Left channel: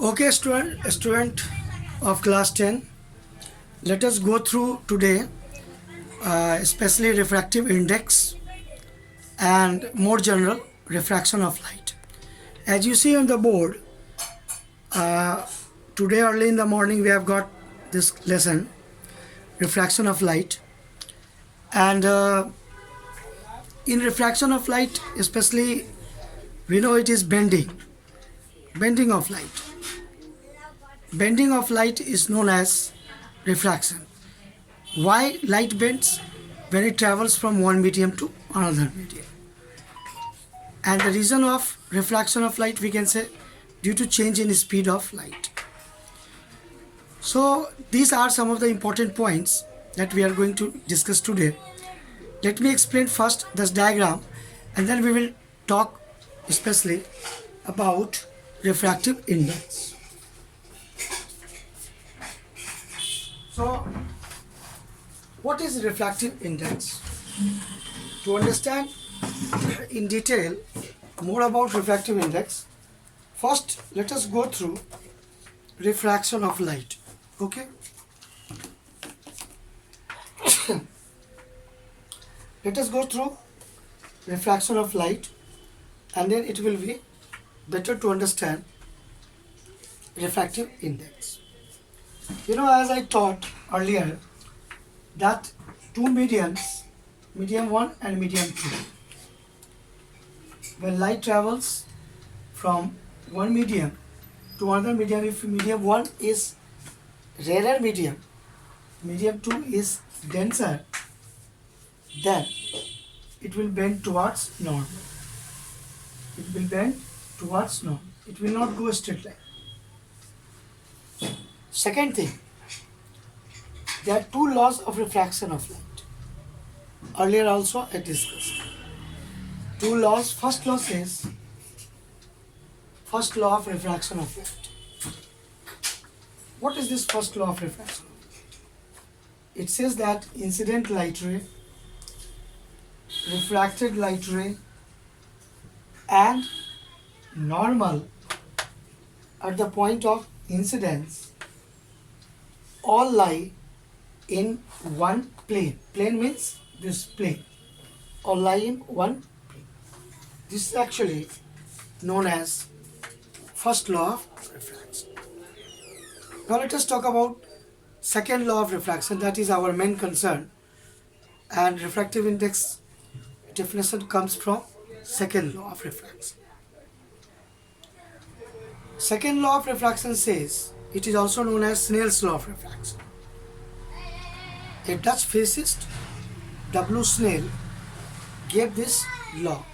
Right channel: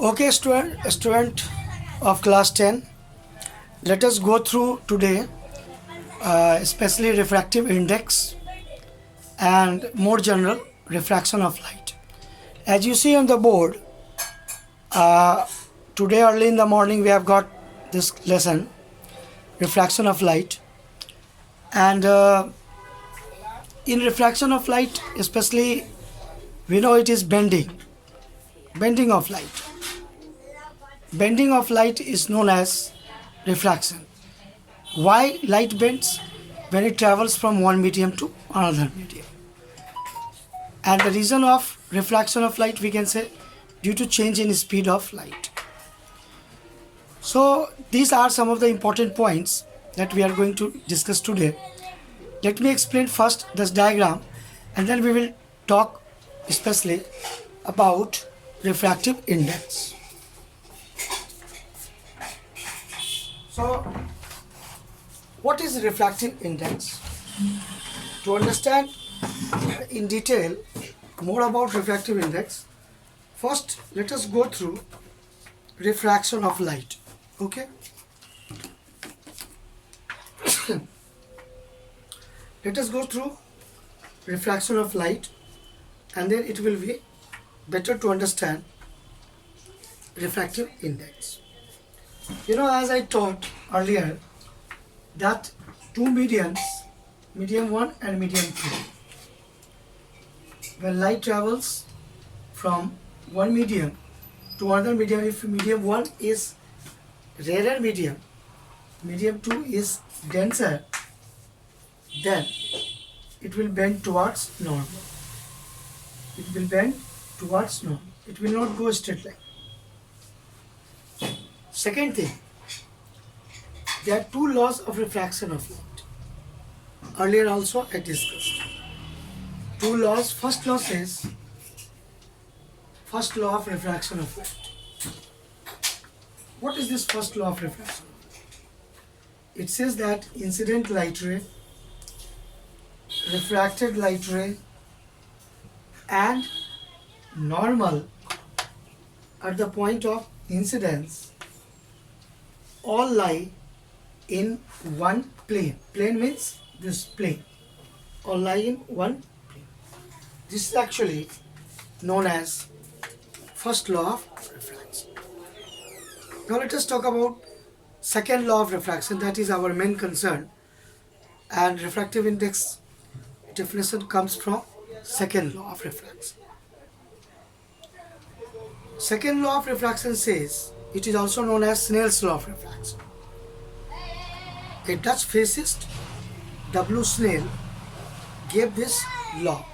Okay, student of class 10, let us go through today, especially refractive index and more general refraction of light. As you see on the board, uh, today early in the morning we have got this lesson, refraction of light. And in refraction of light, especially we know it is bending of light. Bending of light is known as refraction. Why light bends? When it travels from one medium to another medium. And the reason of refraction of light, we can say, due to change in speed of light. So these are some of the important points that we are going to discuss today. Let me explain first this diagram, and then we will talk especially about refractive index. So what is refractive index? To understand in detail more about refractive index, first let us go through refraction of light. Okay, let us go through refraction of light, and then it will be better to understand refractive index. You know, as I taught earlier, that two mediums, medium 1 and medium 2, when light travels from one medium to another medium, if medium 1 is rarer medium, medium 2 is denser, then it will bend towards normal. It will bend towards normal. It will not go straight line. Second thing, there are two laws of refraction of light. Earlier also I discussed. Two laws. First law says, first law of refraction of light. What is this first law of refraction? It says that incident light ray, refracted light ray, and normal at the point of incidence all lie in one plane. Plane means this plane. All lie in one plane. This is actually known as first law of refraction. Now let us talk about second law of refraction. That is our main concern. And refractive index definition comes from second law of refraction. Second law of refraction says, it is also known as Snell's law of refraction. A Dutch physicist, W. Snell, gave this law.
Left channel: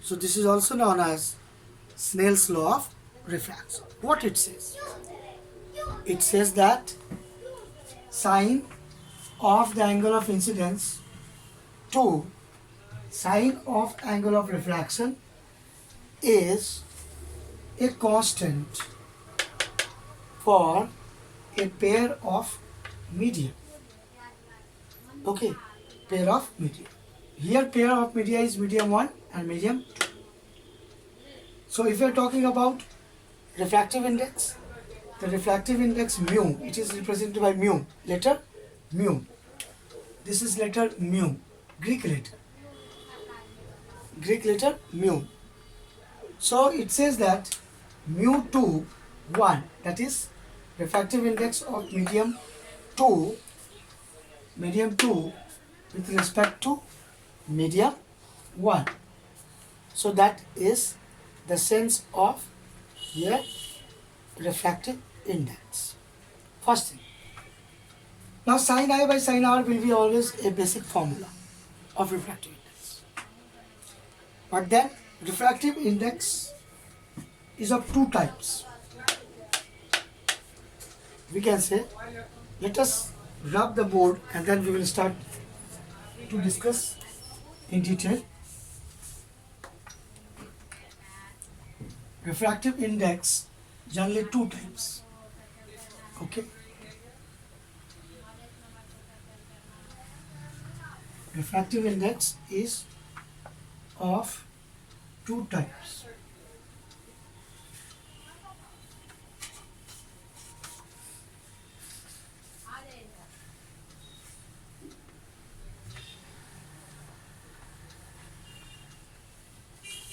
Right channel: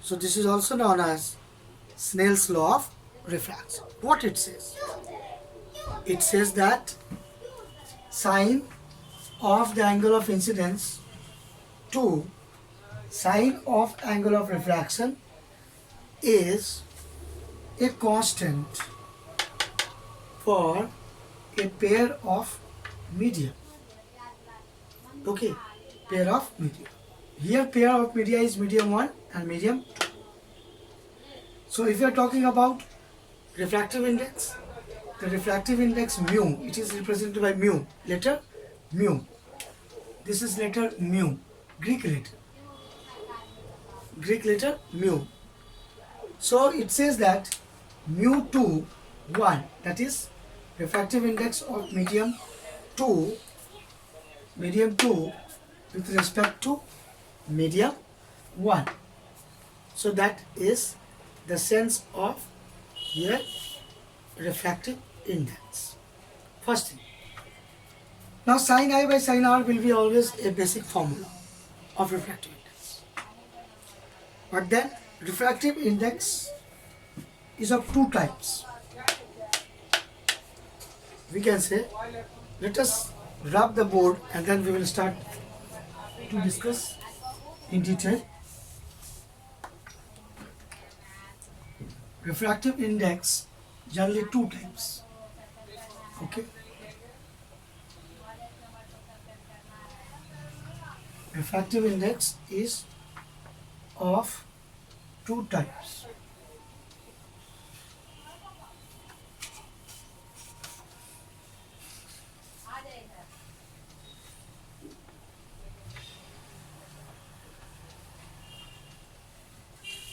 So this is also known as Snell's law of refraction. What it says? It says that sine of the angle of incidence to sine of angle of refraction is a constant for a pair of medium. Okay, pair of medium. Here pair of media is medium 1 and medium 2. So if you are talking about refractive index, the refractive index mu, it is represented by mu, letter mu. This is letter mu, Greek letter mu. So it says that mu 2 1, that is refractive index of medium 2 with respect to medium 1. So that is the sense of here refractive index. First thing. Now sin I by sin R will be always a basic formula of refractive index. But then refractive index is of two types. We can say, let us rub the board and then we will start to discuss in detail. Refractive index, generally two types. Okay. Refractive index is of two types.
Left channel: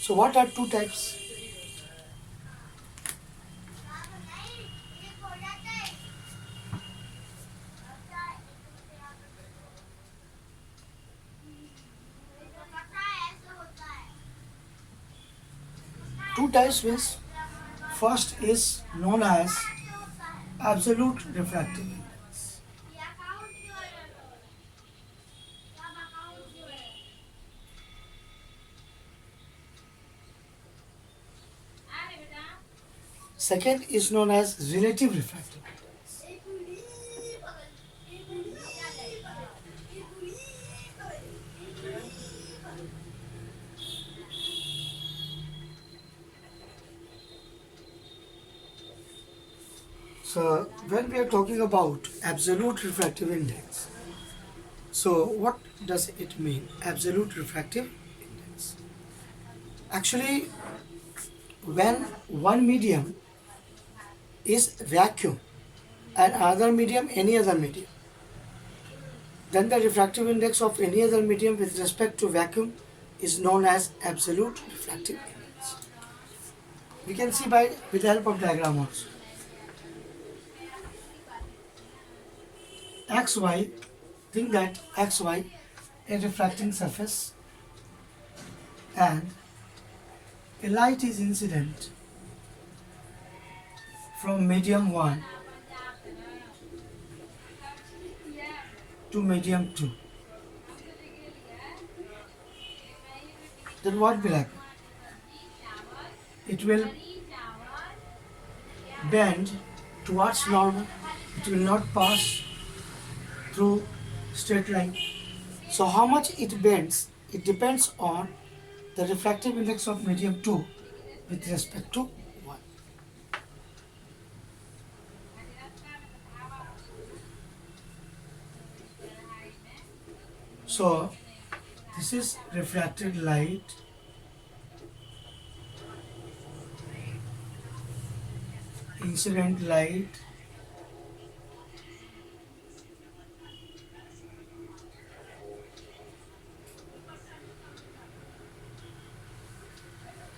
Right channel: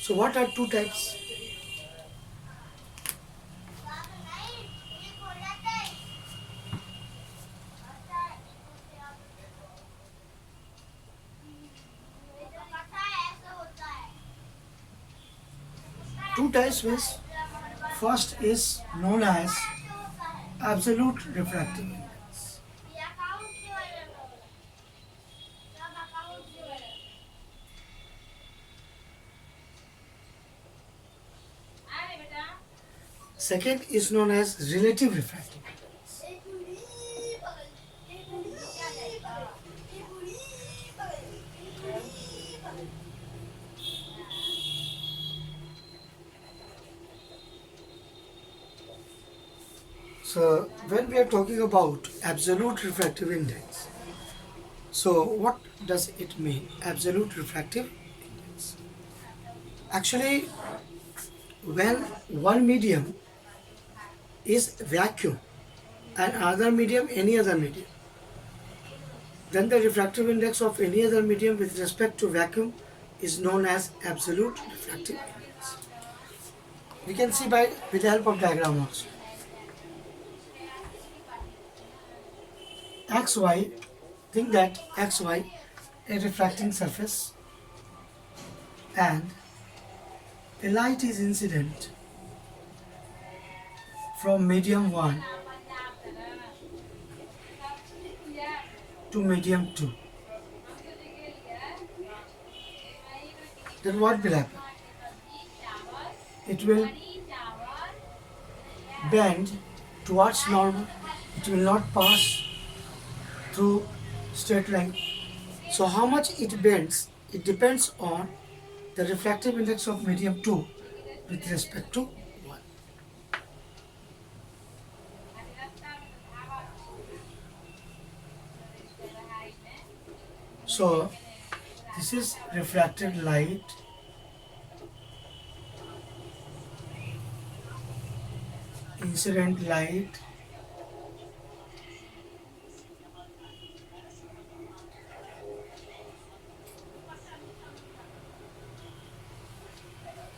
So what are two types? Two types means first is known as absolute refractive index. Second is known as relative refractive. So when we are talking about absolute refractive index, so what does it mean? Absolute refractive index. Actually, when one medium is vacuum and another medium any other medium, then the refractive index of any other medium with respect to vacuum is known as absolute refractive index. We can see by with the help of diagram also. XY, think that XY a refracting surface and a light is incident from medium 1 to medium 2. Then what will happen? It will bend towards normal. It will not pass through straight line. So how much it bends, it depends on the refractive index of medium 2 with respect to 1. So this is refracted light, incident light,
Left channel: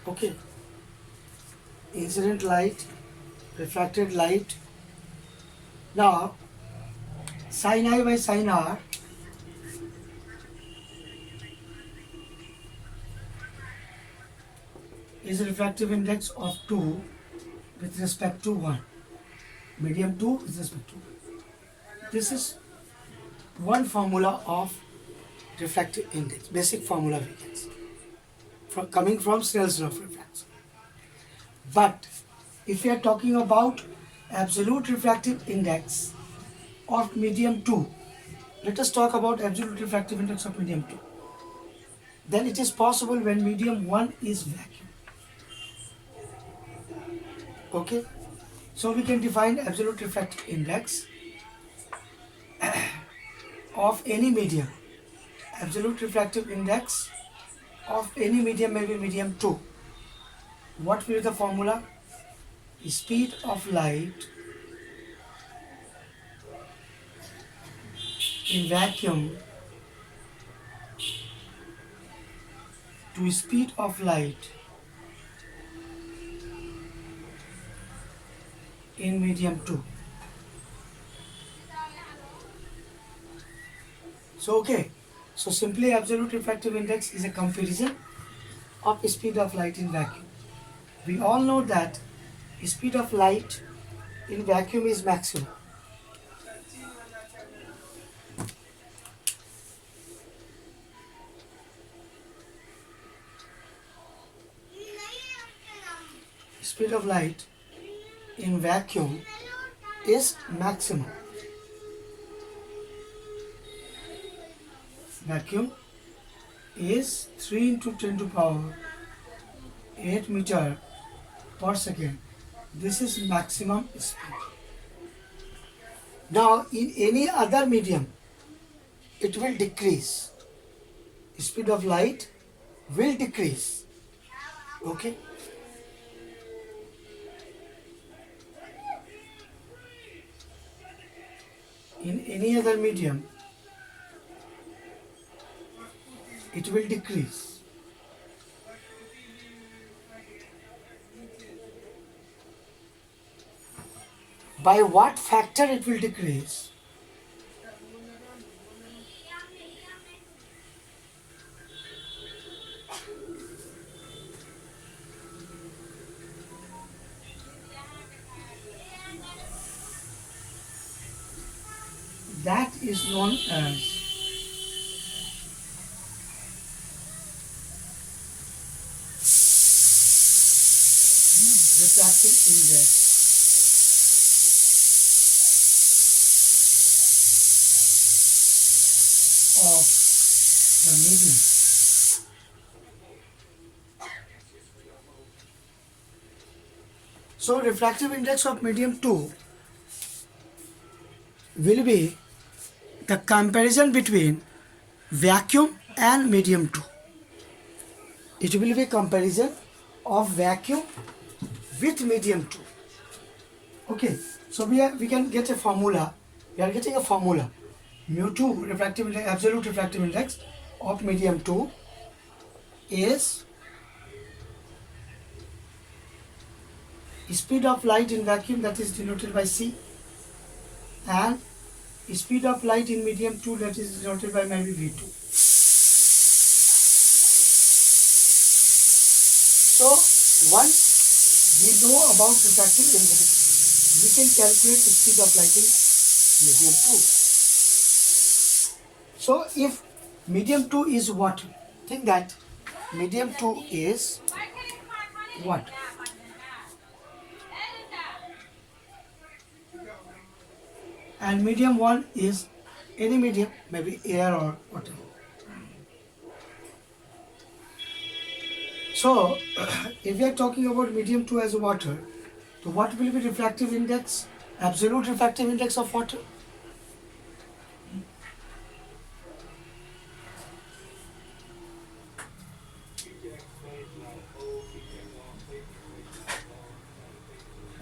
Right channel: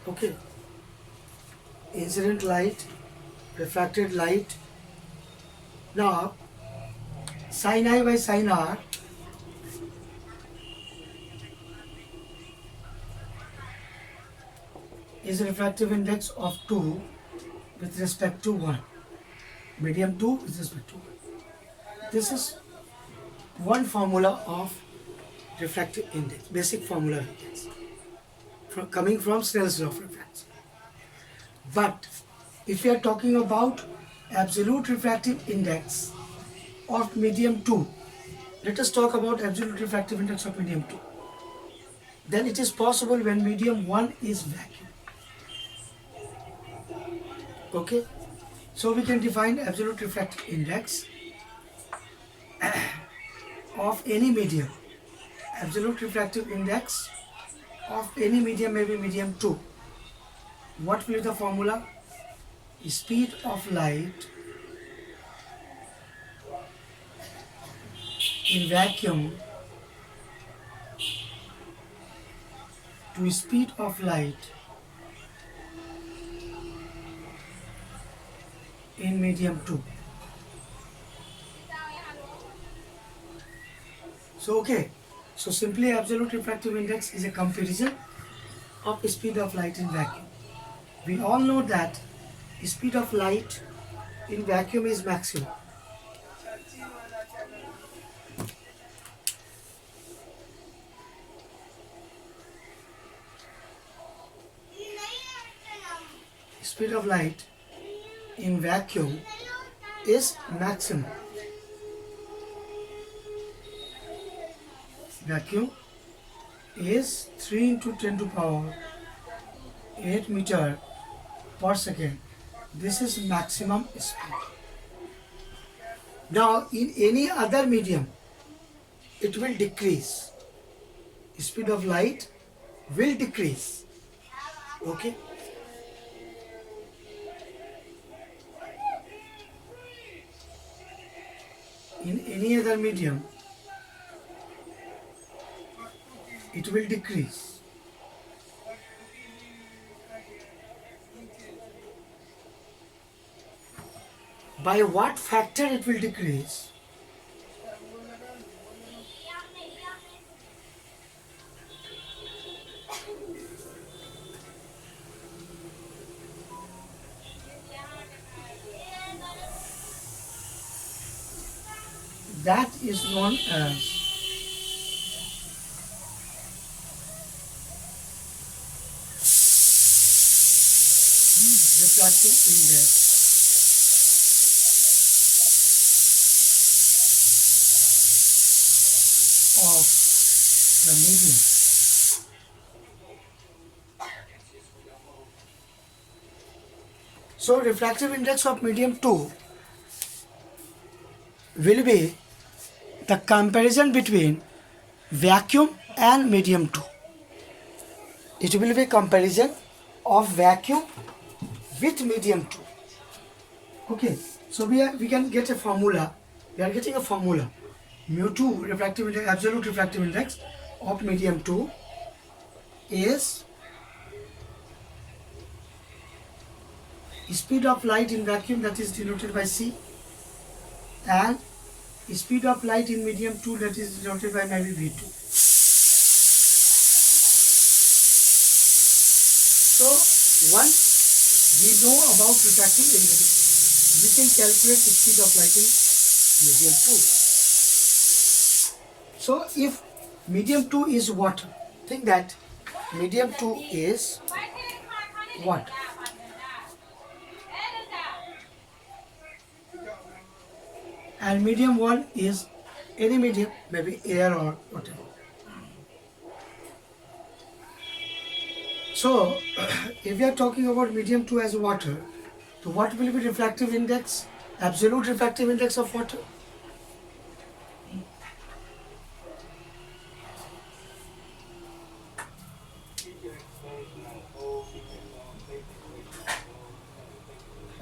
okay, incident light, refracted light. Now sin I by sin R is a refractive index of 2 with respect to 1. Medium 2 with respect to 1. This is one formula of refractive index, basic formula we can say, coming from Snell's law of refraction. But if we are talking about absolute refractive index of medium 2, let us talk about absolute refractive index of medium 2. Then it is possible when medium 1 is vacuum. Okay? So we can define absolute refractive index of any medium. Absolute refractive index of any medium may be medium 2. What will be the formula? Speed of light in vacuum to speed of light in medium 2. So okay, so simply absolute refractive index is a comparison of speed of light in vacuum. We all know that speed of light in vacuum is maximum. Speed of light in vacuum is maximum. Vacuum is 3 into 10 to power 8 meter per second. This is maximum speed. Now in any other medium it will decrease. Speed of light will decrease. Okay. In any other medium it will decrease. by what factor it will decrease? That is known as refractive index of the medium. So refractive index of medium 2 will be the comparison between vacuum and medium 2. It will be comparison of vacuum with medium 2. Okay, so we can get a formula. We are getting a formula. Mu 2 refractive index, absolute refractive index of medium 2 is speed of light in vacuum, that is denoted by C, and speed of light in medium 2, that is denoted by maybe V2. So once we know about refractive index, we can calculate the speed of light in medium 2. So if medium 2 is water, think that medium 2 is what? And medium 1 is any medium, maybe air or whatever. So if we are talking about medium 2 as water, so what will be refractive index, absolute refractive index of water?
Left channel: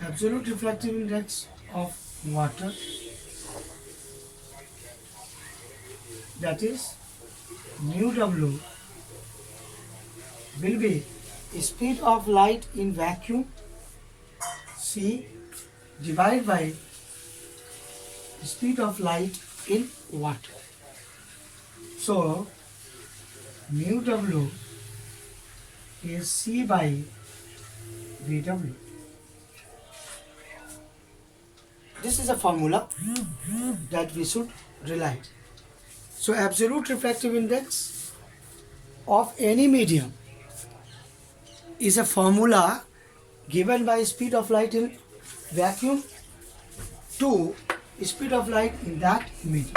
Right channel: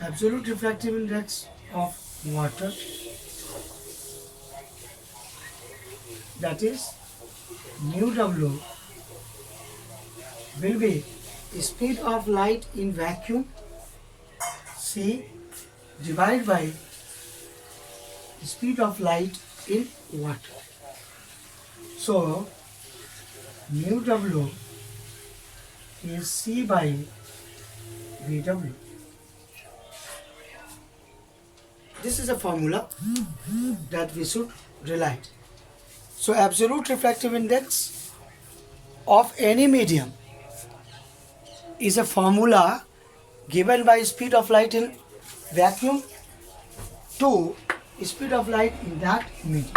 Absolute refractive index of water, that is mu W, will be speed of light in vacuum C divided by speed of light in water. So mu W is C by VW. This is a formula that we should rely. So absolute refractive index of any medium is a formula given by speed of light in vacuum to speed of light in that medium.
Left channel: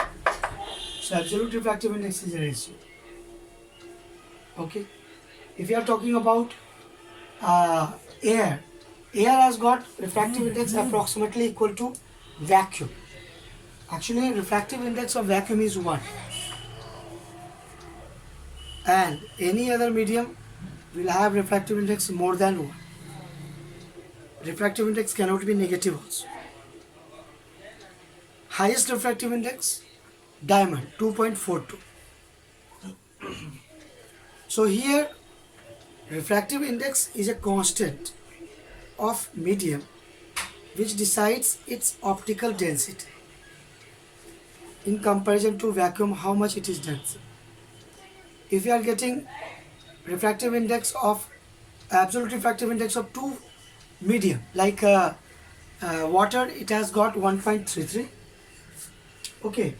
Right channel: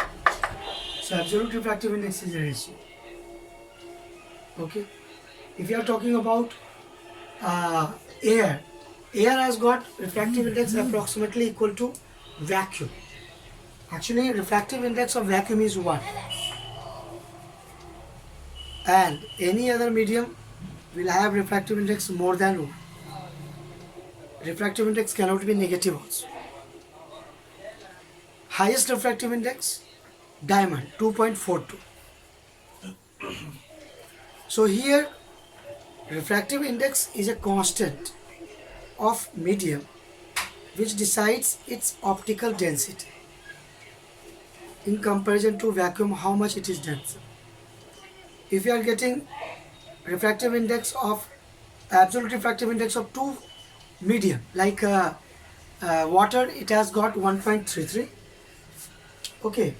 So absolute refractive index is a ratio. Okay. If you are talking about air has got refractive index approximately equal to vacuum. Actually, refractive index of vacuum is 1. And any other medium will have refractive index more than 1. Refractive index cannot be negative also. Highest refractive index, diamond, 2.42. So here, refractive index is a constant of medium which decides its optical density in comparison to vacuum, how much it is denser. If you are getting refractive index of absolute refractive index of 2 medium, like water, it has got 1.33. Okay,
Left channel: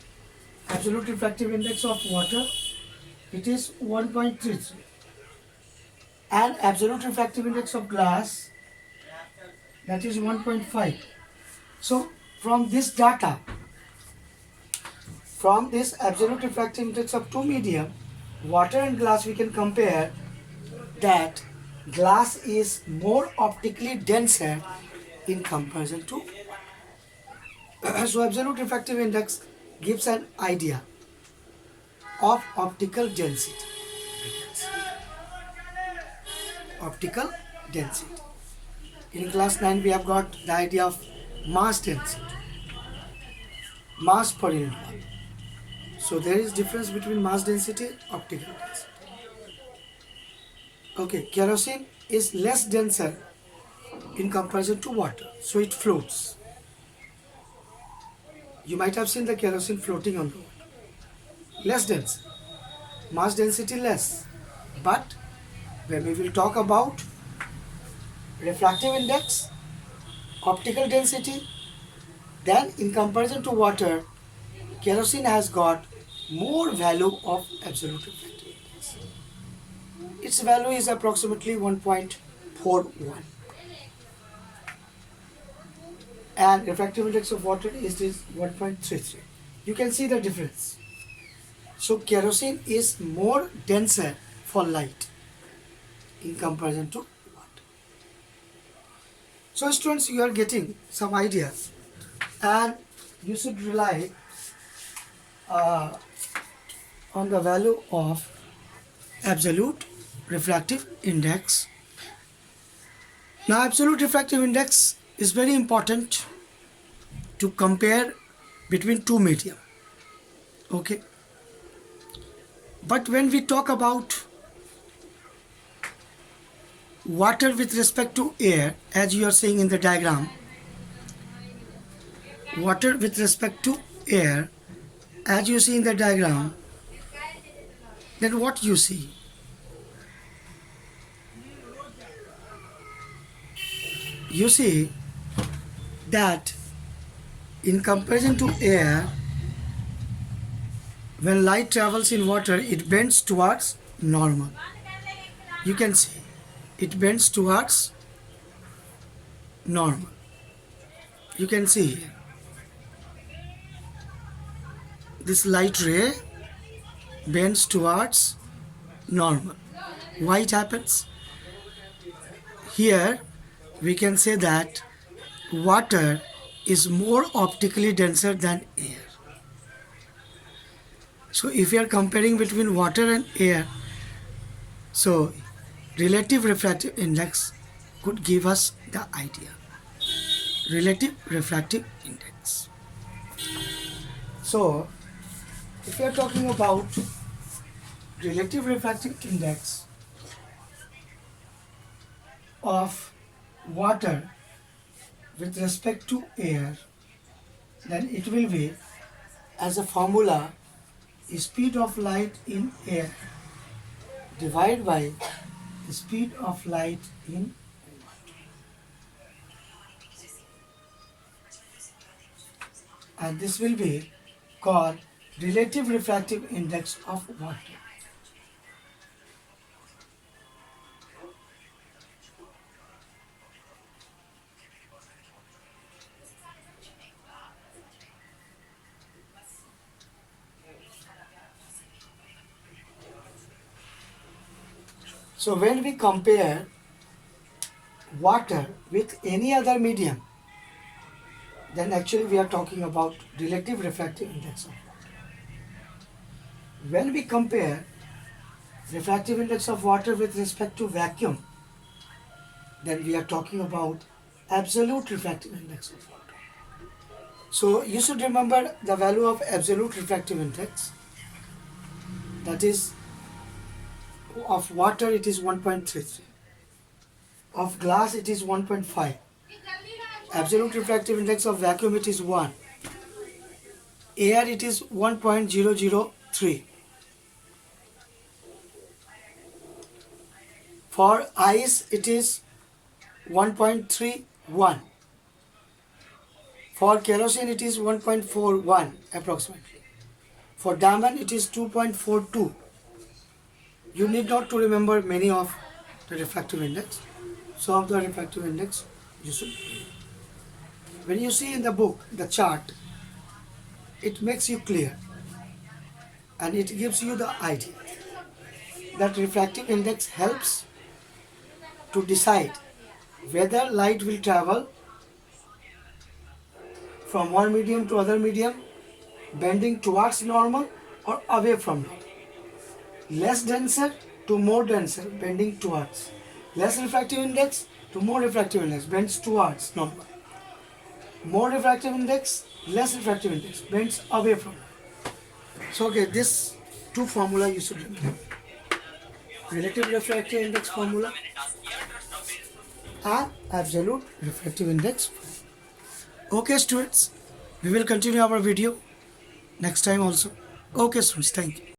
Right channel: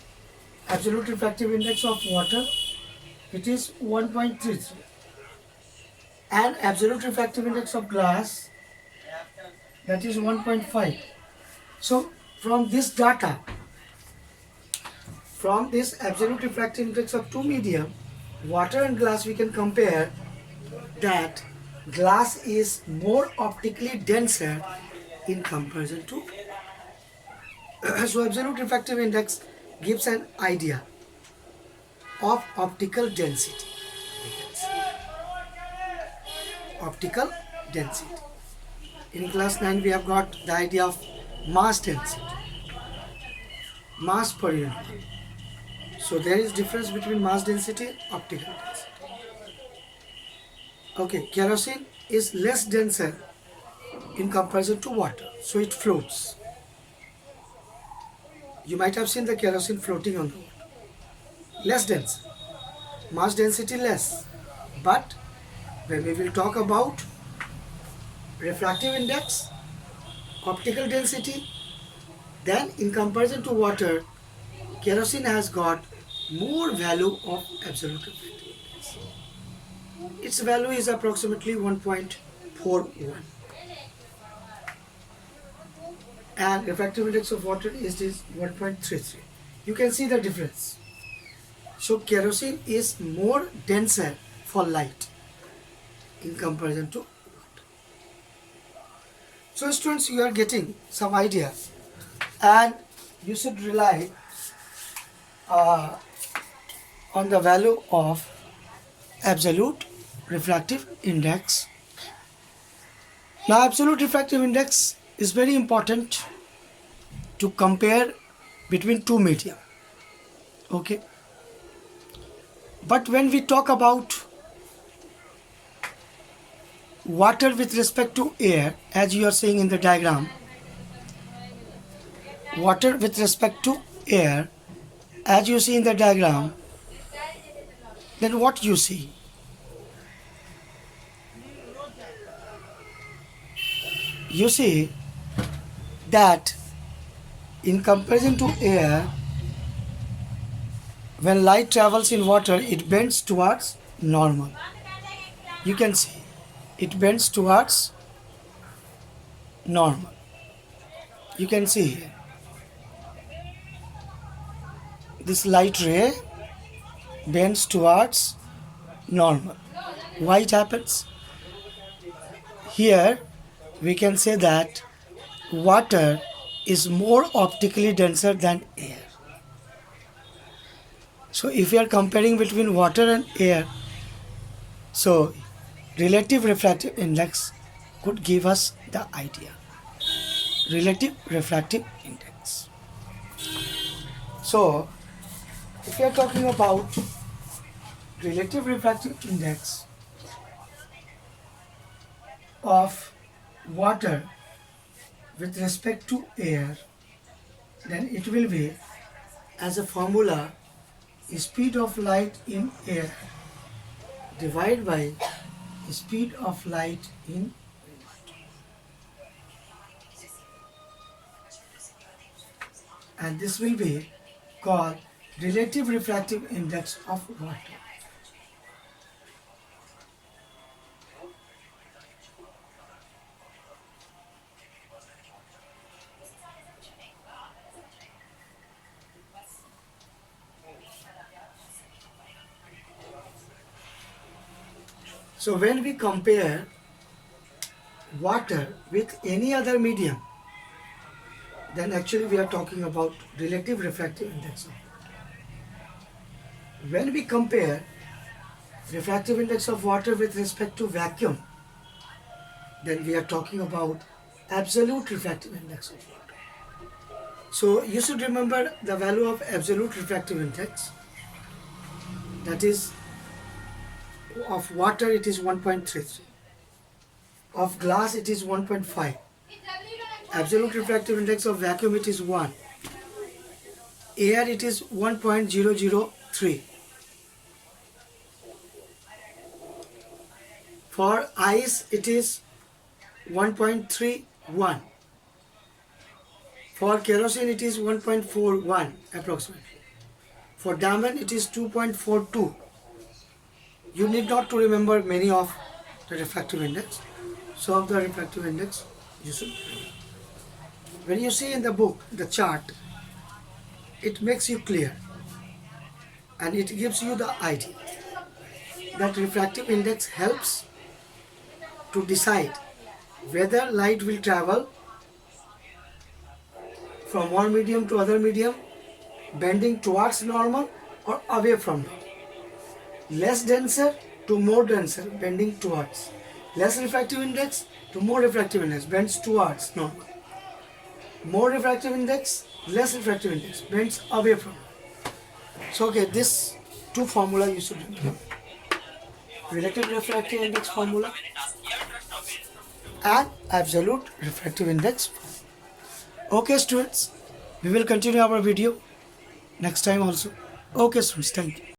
absolute refractive index of water, it is 1.33, and absolute refractive index of glass, that is 1.5. So from this data, from this absolute refractive index of 2 medium, water and glass, we can compare that glass is more optically denser in comparison to so absolute refractive index gives an idea of optical density. Optical density. In class 9 we have got the idea of mass density, mass per unit. So there is difference between mass density and optical density. Okay, kerosene is less denser in comparison to water, so it floats. You might have seen the kerosene floating on the water. Less dense, mass density less. But when we will talk about refractive index, optical density, then in comparison to water, kerosene has got more value of absolute refractive index. Its value is approximately 1.41 and refractive index of water is this 1.33. You can see the difference. So kerosene is more denser for light in comparison to water. So students, you are getting some idea and you should rely on the value of absolute refractive index. Now absolute refractive index is very important to compare between two media. Okay. But when we talk about water with respect to air, as you are seeing in the diagram, water with respect to air, as you see in the diagram, then what you see? You see that in comparison to air, when light travels in water, it bends towards normal. You can see it bends towards normal. You can see here. This light ray bends towards normal. Why it happens? Here we can say that water is more optically denser than air. So if we are comparing between water and air, so relative refractive index could give us the idea. Relative refractive index. So if we are talking about relative refractive index of water with respect to air, then it will be as a formula speed of light in air divided by speed of light in water. And this will be called relative refractive index of water. So when we compare water with any other medium, then actually we are talking about relative refractive index of water. When we compare refractive index of water with respect to vacuum, then we are talking about absolute refractive index of water. So you should remember the value of absolute refractive index, that is of water it is 1.33, of glass it is 1.5, absolute refractive index of vacuum it is 1, air it is 1.003, for ice it is 1.31, for kerosene it is 1.41 approximately, for diamond it is 2.42. You need not to remember many of the refractive index. So of the refractive index you should remember. When you see in the book the chart, it makes you clear and it gives you the idea that refractive index helps to decide whether light will travel from one medium to other medium, bending towards normal or away from normal. Less denser to more denser, bending towards. Less refractive index to more refractive index, bends towards normal. More refractive index, less refractive index, bends away from normal. So okay, this two formula you should remember. Relative refractive index formula and absolute refractive index formula. Okay students, We will continue our video next time also. Okay students, thank you.